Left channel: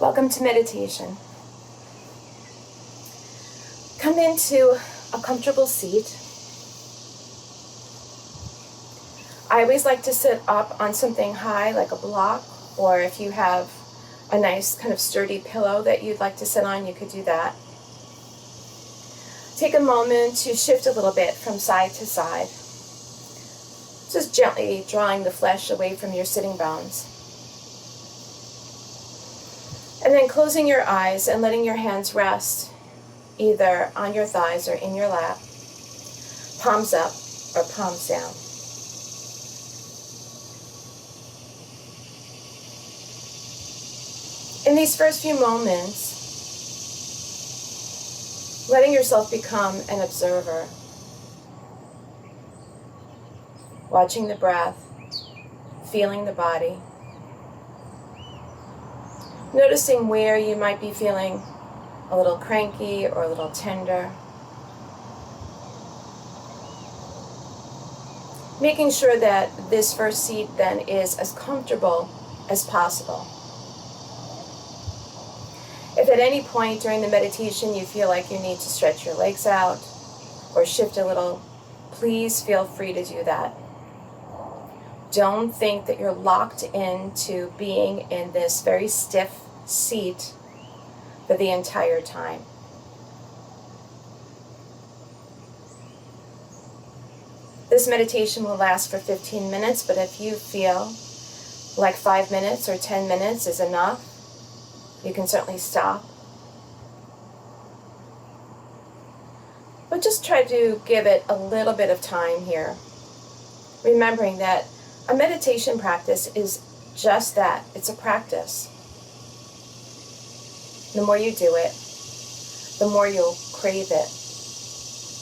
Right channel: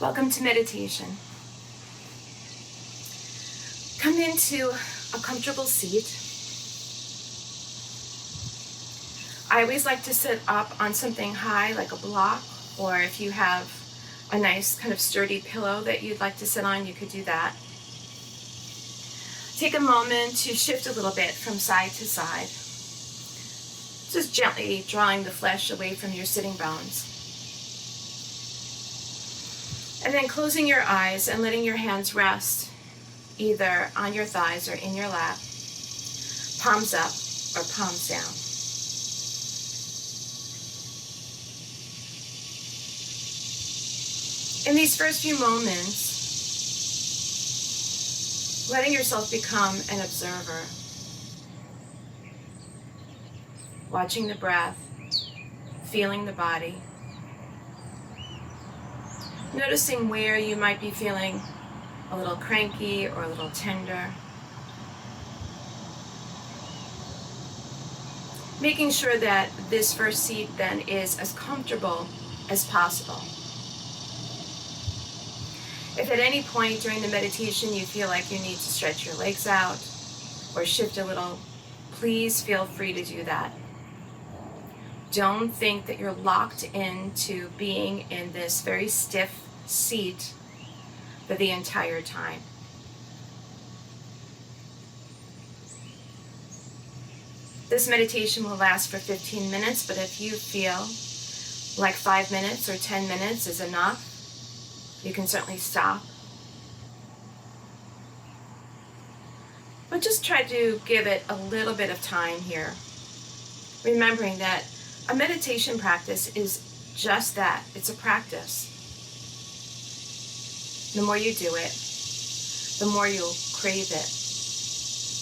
Welcome to meditation. Come into a comfortable seat. I always like to sit up on something high like a block, or if you have a nice kind of sturdy pillow that you'd like to sit on, you could do that. Take a moment to shift a little bit from side to side, just gently drawing the flesh away from your sitting bones. And then closing your eyes and letting your hands rest either on your thighs or in your lap, palms up or palms down. In these first few moments, letting yourself become an observer, watching the breath, feeling the body, noticing where you might be feeling a little cranky or a little tender. Making sure that this first seat then is as comfortable as possible. If at any point during the meditation you feel like you need to stretch your legs out or shift a little, please feel free to do that. Don't think that you're locked into being in this very stiff seat for the entire time. This meditation will last for 15 minutes, but if you feel like 5 minutes or 10 minutes is enough, you can certainly stop. But just try to give it a little bit of time here, remembering that a meditation practice is just that. It's a practice. The more you do it, the more you'll crave it,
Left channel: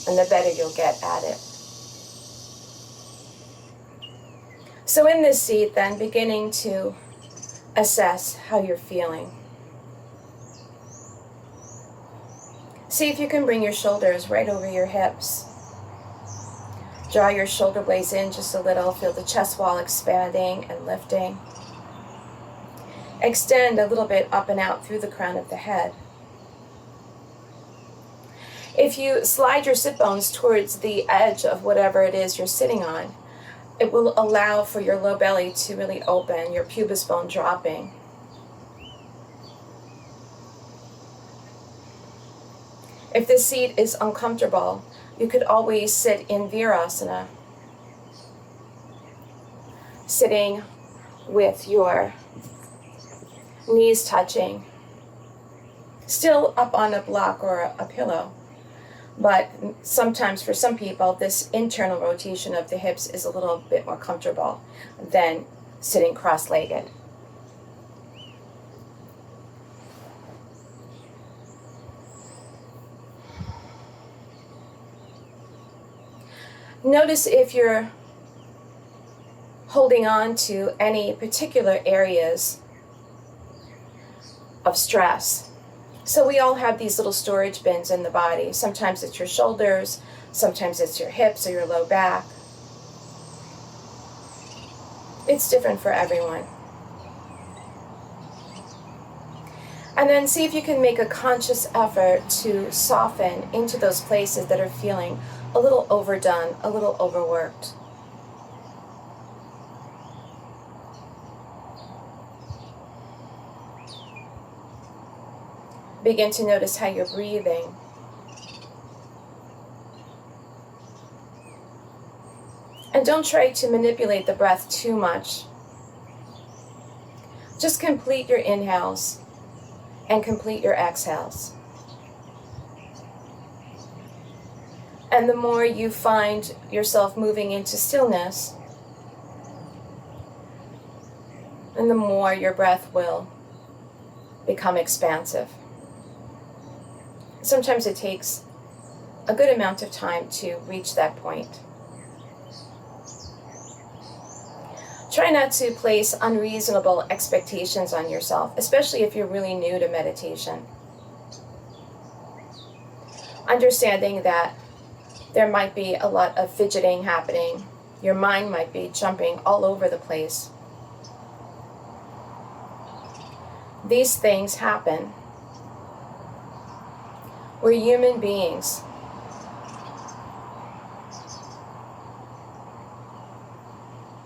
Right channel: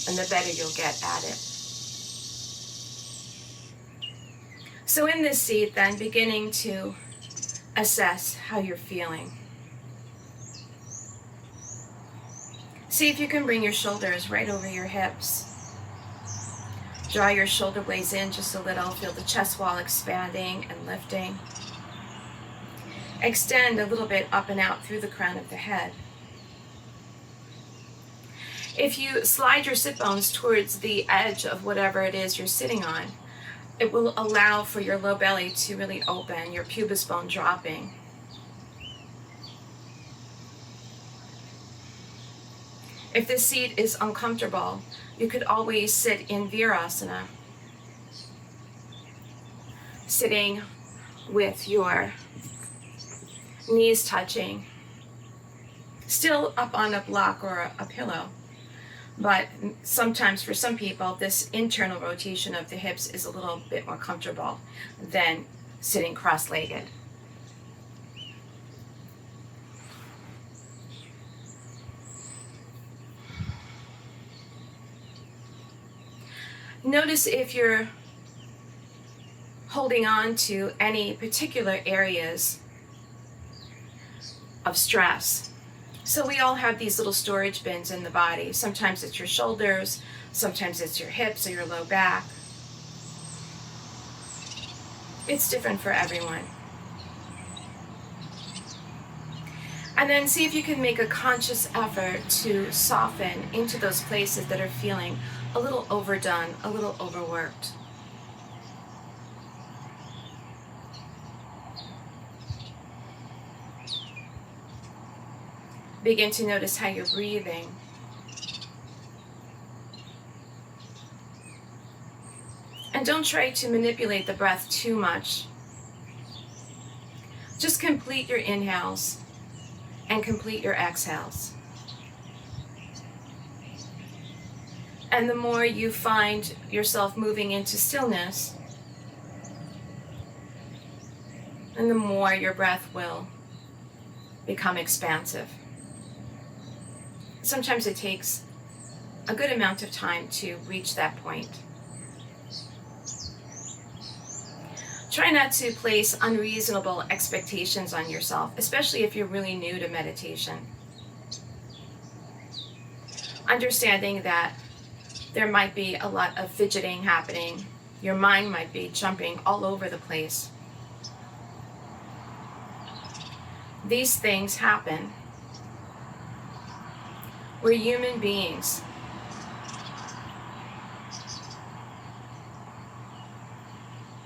and the better you'll get at it. So in this seat, then, beginning to assess how you're feeling. See if you can bring your shoulders right over your hips. Draw your shoulder blades in just a little. Feel the chest wall expanding and lifting. Extend a little bit up and out through the crown of the head. If you slide your sit bones towards the edge of whatever it is you're sitting on, it will allow for your low belly to really open, your pubis bone dropping. If this seat is uncomfortable, you could always sit in Virasana, sitting with your knees touching, still up on a block or a pillow. But sometimes for some people, this internal rotation of the hips is a little bit more comfortable than sitting cross-legged. Notice if you're holding on to any particular areas of stress. So we all have these little storage bins in the body. Sometimes it's your shoulders, sometimes it's your hips or your low back. It's different for everyone. And then see if you can make a conscious effort to soften into those places that are feeling a little overdone, a little overworked. Begin to notice how you're breathing. And don't try to manipulate the breath too much. Just complete your inhales and complete your exhales. And the more you find yourself moving into stillness, and the more your breath will become expansive. Sometimes it takes a good amount of time to reach that point. Try not to place unreasonable expectations on yourself, especially if you're really new to meditation. Understanding that there might be a lot of fidgeting happening. Your mind might be jumping all over the place. These things happen. We're human beings.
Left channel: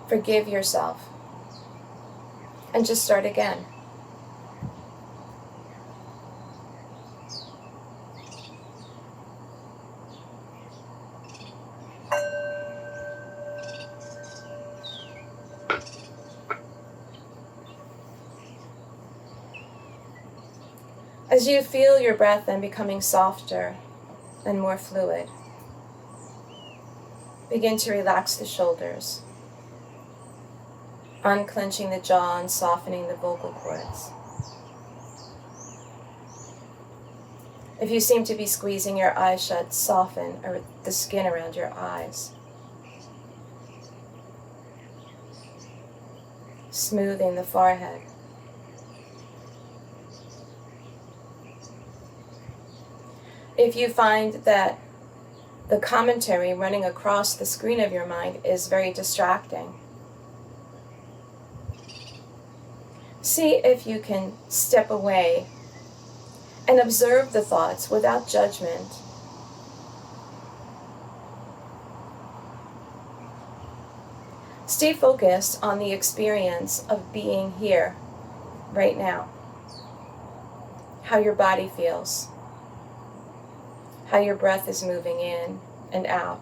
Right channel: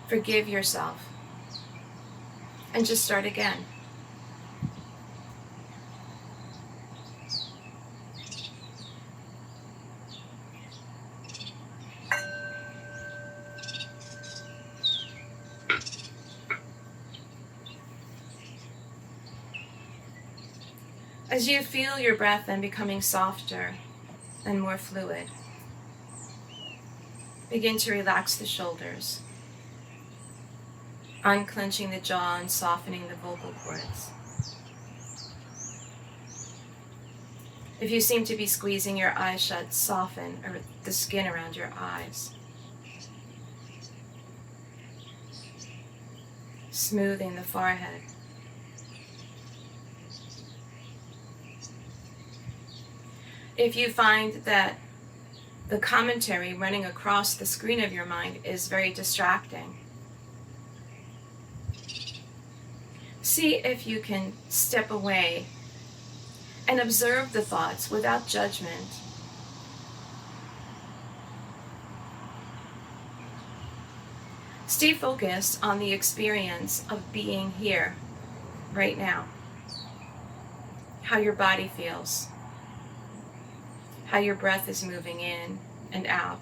Forgive yourself and just start again. As you feel your breath then becoming softer and more fluid, begin to relax the shoulders, unclenching the jaw and softening the vocal cords. If you seem to be squeezing your eyes shut, soften the skin around your eyes, smoothing the forehead. If you find that the commentary running across the screen of your mind is very distracting, see if you can step away and observe the thoughts without judgment. Stay focused on the experience of being here, right now. How your body feels. How your breath is moving in and out.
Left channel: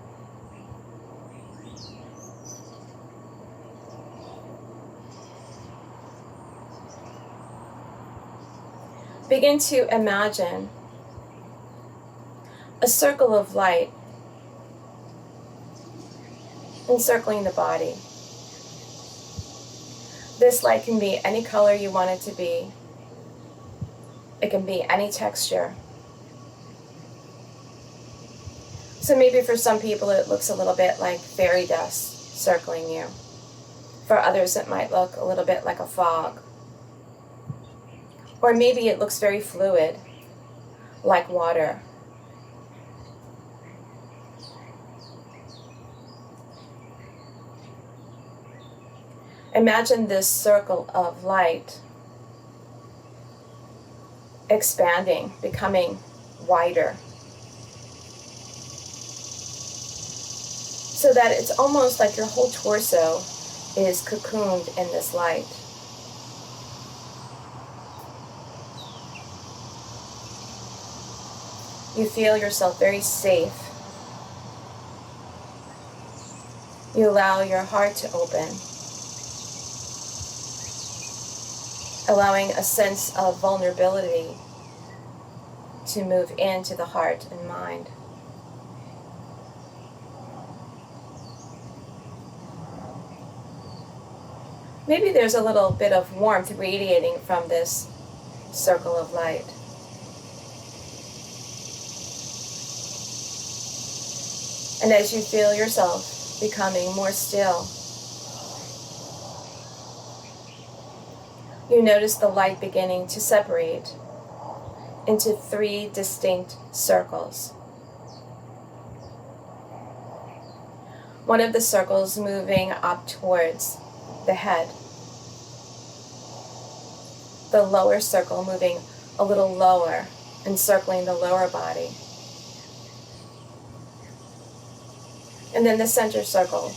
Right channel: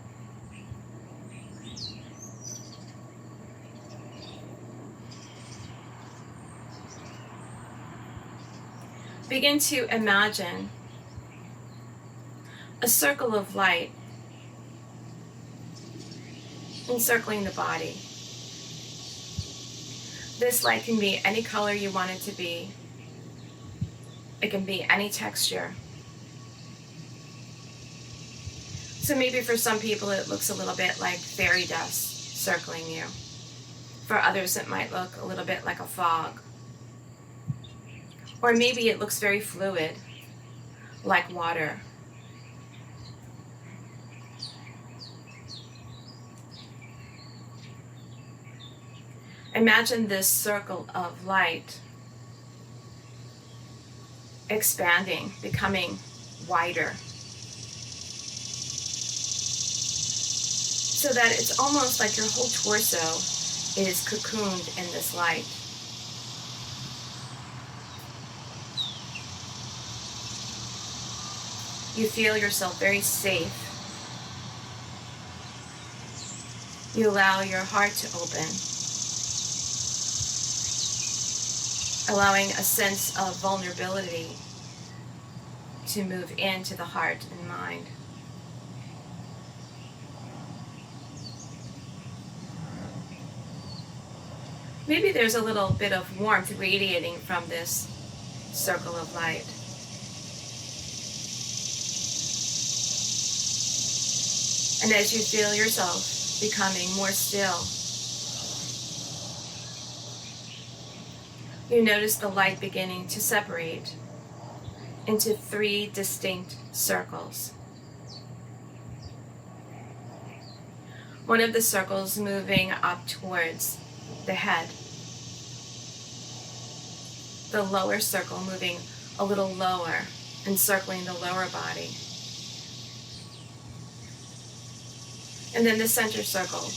Begin to imagine a circle of light encircling the body. This light can be any color you want it to be. It can be any texture. So maybe for some people it looks a little bit like fairy dust circling you. For others it might look a little bit like a fog. Or maybe it looks very fluid, like water. Imagine this circle of light expanding, becoming wider, so that it's almost like your whole torso is cocooned in this light. You feel yourself very safe. You allow your heart to open, allowing a sense of vulnerability to move into the heart and mind. Maybe there's a little bit of warmth radiating from this circle of light. And as you feel yourself becoming more still, you notice the light beginning to separate into 3 distinct circles. One of the circles moving up towards the head. The lower circle moving a little lower, encircling the lower body. And then the center circle,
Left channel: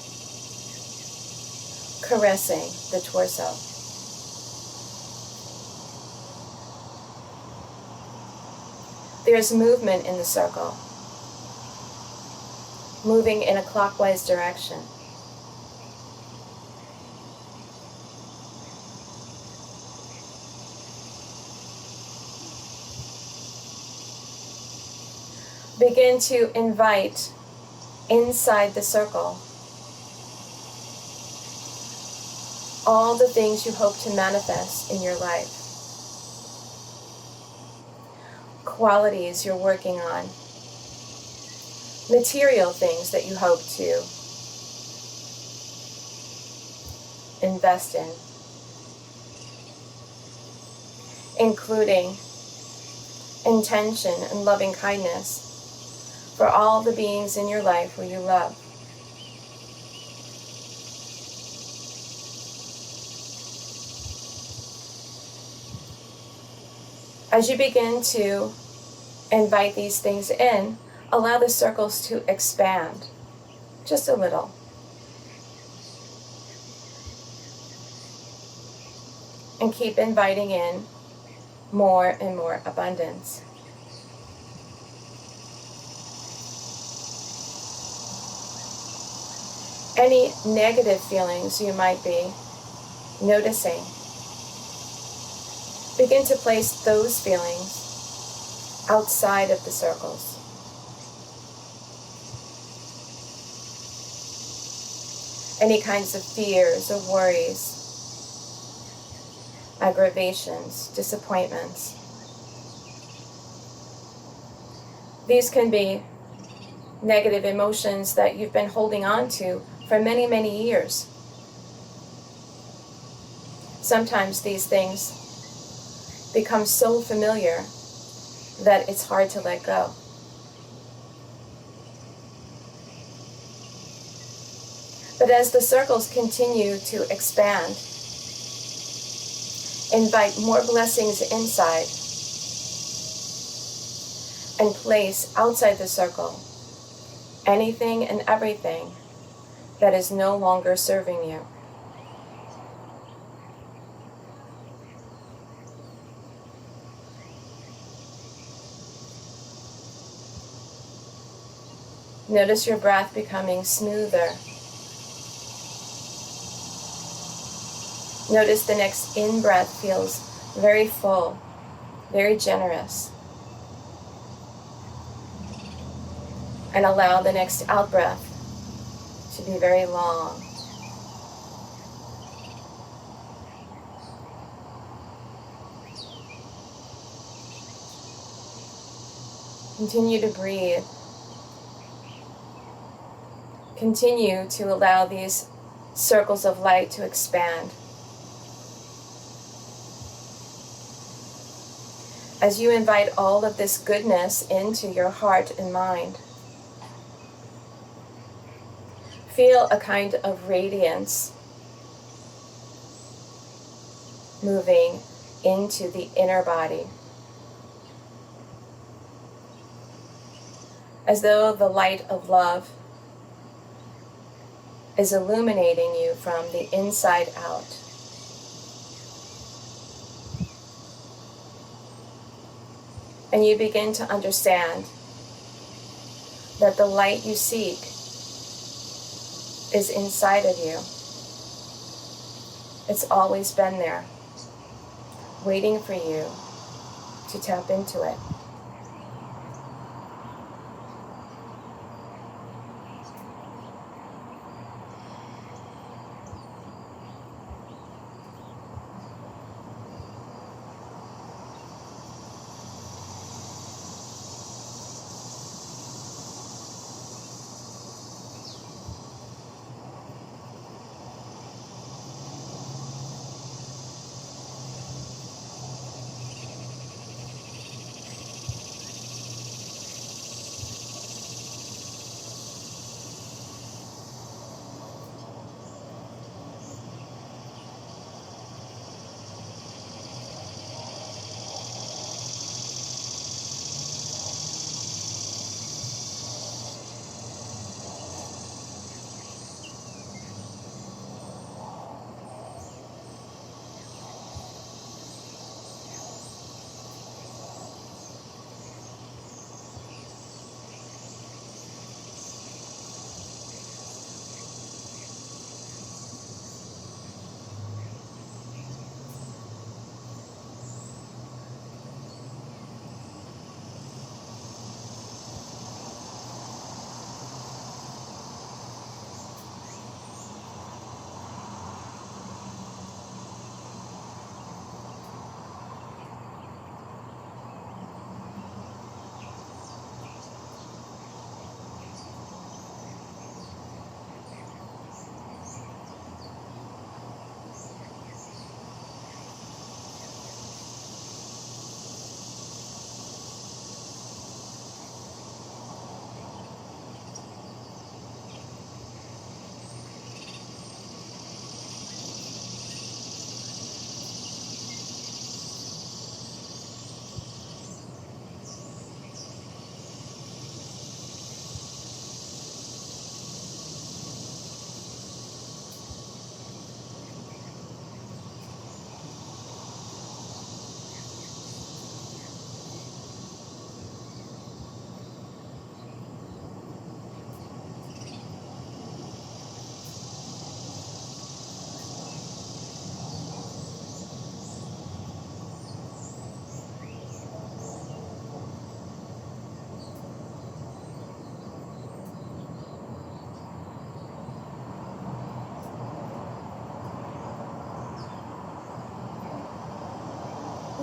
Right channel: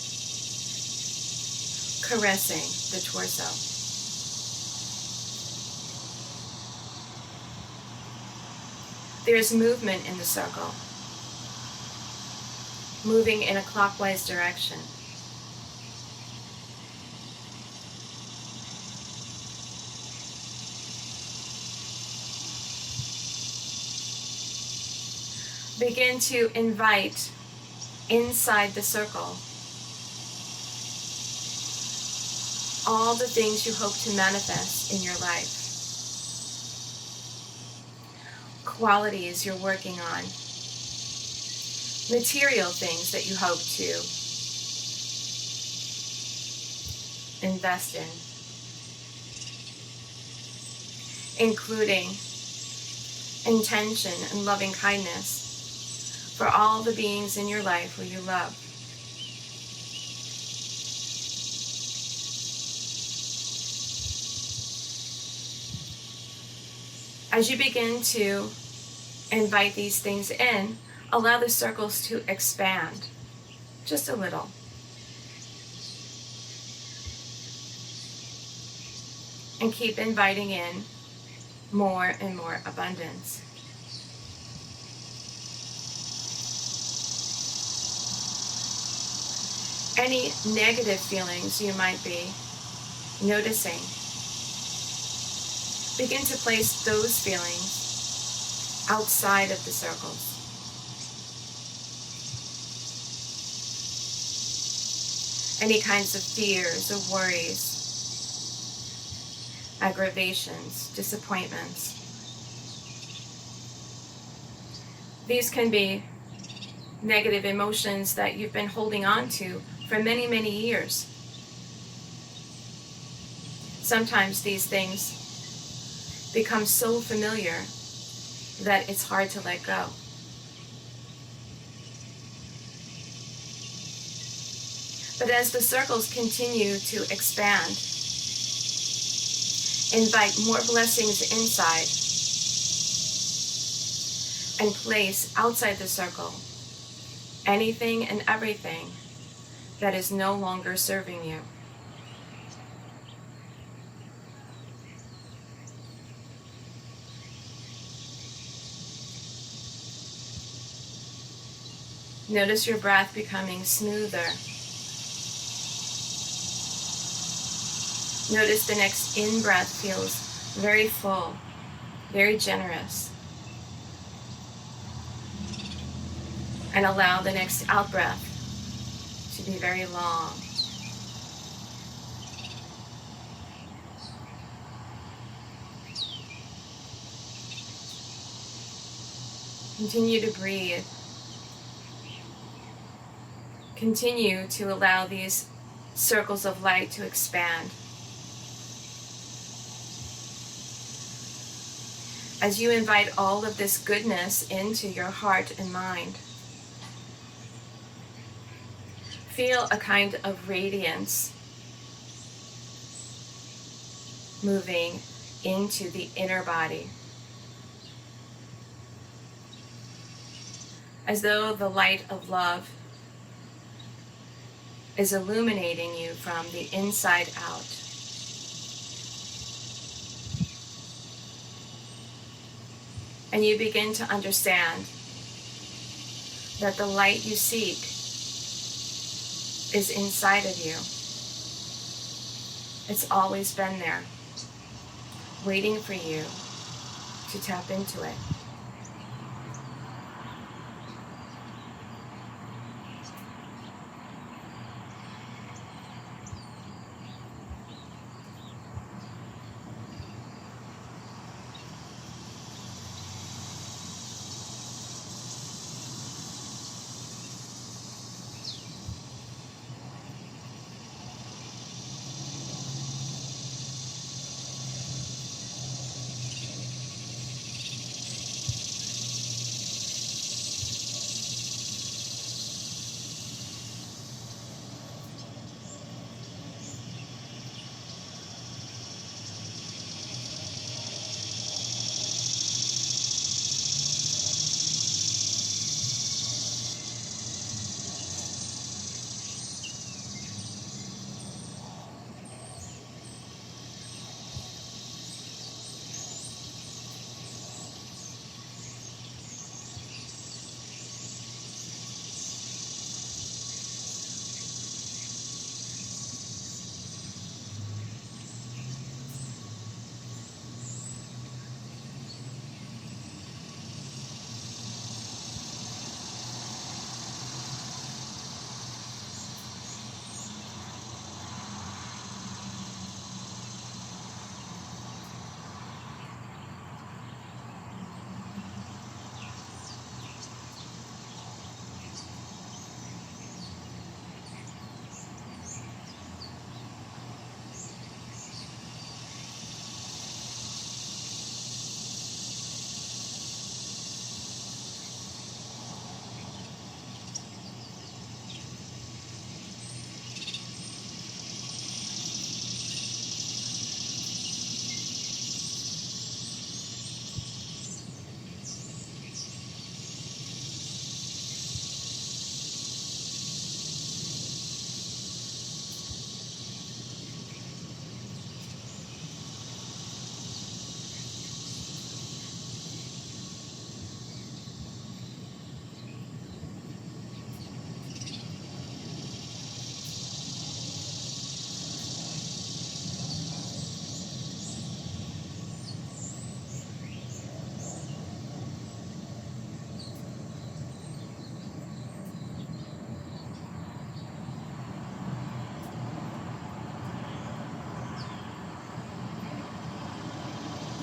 caressing the torso. There's movement in the circle, moving in a clockwise direction. Begin to invite inside the circle all the things you hope to manifest in your life. Qualities you're working on. Material things that you hope to invest in. Including intention and loving kindness for all the beings in your life who you love. As you begin to invite these things in, allow the circles to expand just a little. And keep inviting in more and more abundance. Any negative feelings you might be noticing, begin to place those feelings outside of the circles. Any kinds of fears or worries, aggravations, disappointments. These can be negative emotions that you've been holding on to for many, many years. Sometimes these things become so familiar that it's hard to let go. But as the circles continue to expand, invite more blessings inside and place outside the circle anything and everything that is no longer serving you. Notice your breath becoming smoother. Notice the next in-breath feels very full, very generous. And allow the next out-breath to be very long. Continue to breathe. Continue to allow these circles of light to expand. As you invite all of this goodness into your heart and mind, feel a kind of radiance moving into the inner body, as though the light of love is illuminating you from the inside out. And you begin to understand that the light you seek is inside of you. It's always been there, waiting for you to tap into it.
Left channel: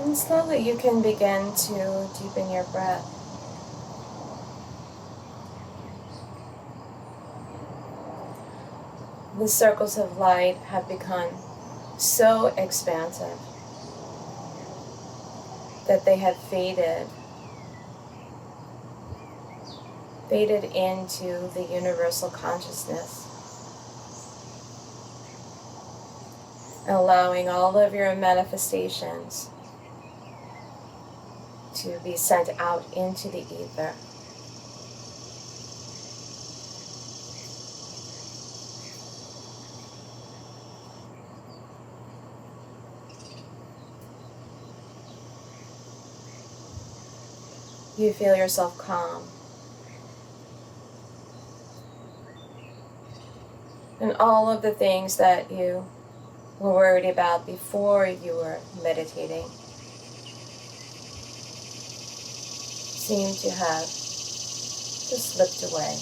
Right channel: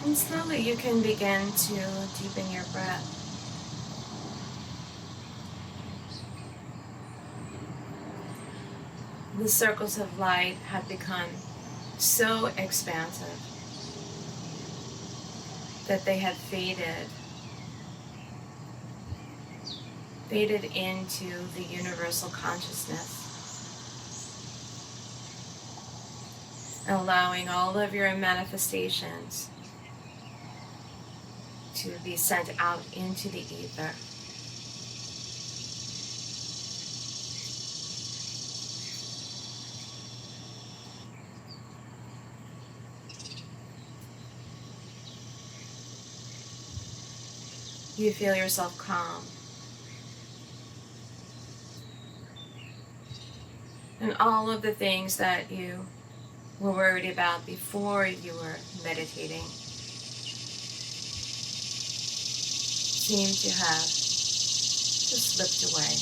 And slowly you can begin to deepen your breath. The circles of light have become so expansive that they have faded into the universal consciousness, allowing all of your manifestations to be sent out into the ether. You feel yourself calm. And all of the things that you were worried about before you were meditating seem to have just slipped away.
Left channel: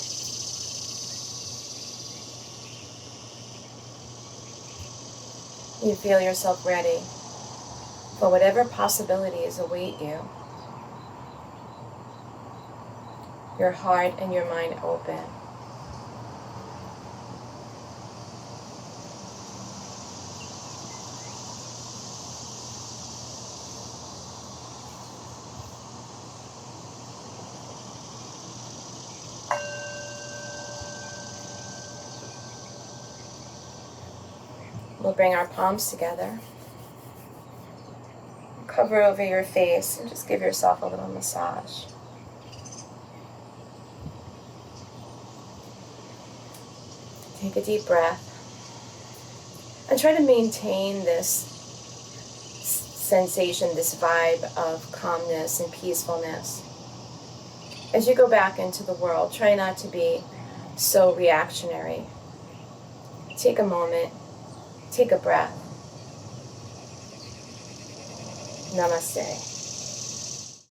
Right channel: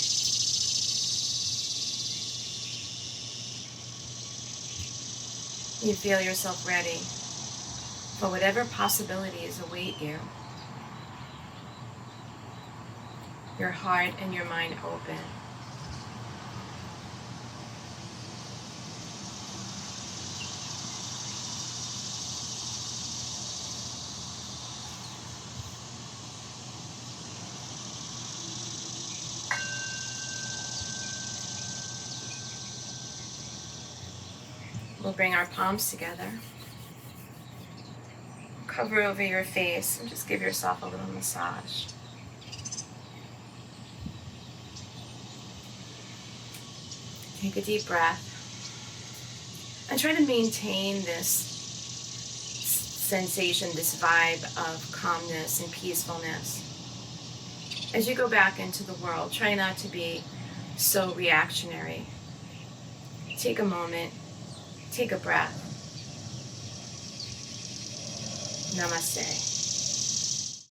You feel yourself ready for whatever possibilities await you. Your heart and your mind open. We'll bring our palms together. Cover over your face and just give yourself a little massage. Take a deep breath and try to maintain this sensation, this vibe of calmness and peacefulness. As you go back into the world, try not to be so reactionary. Take a moment, take a breath. Namaste.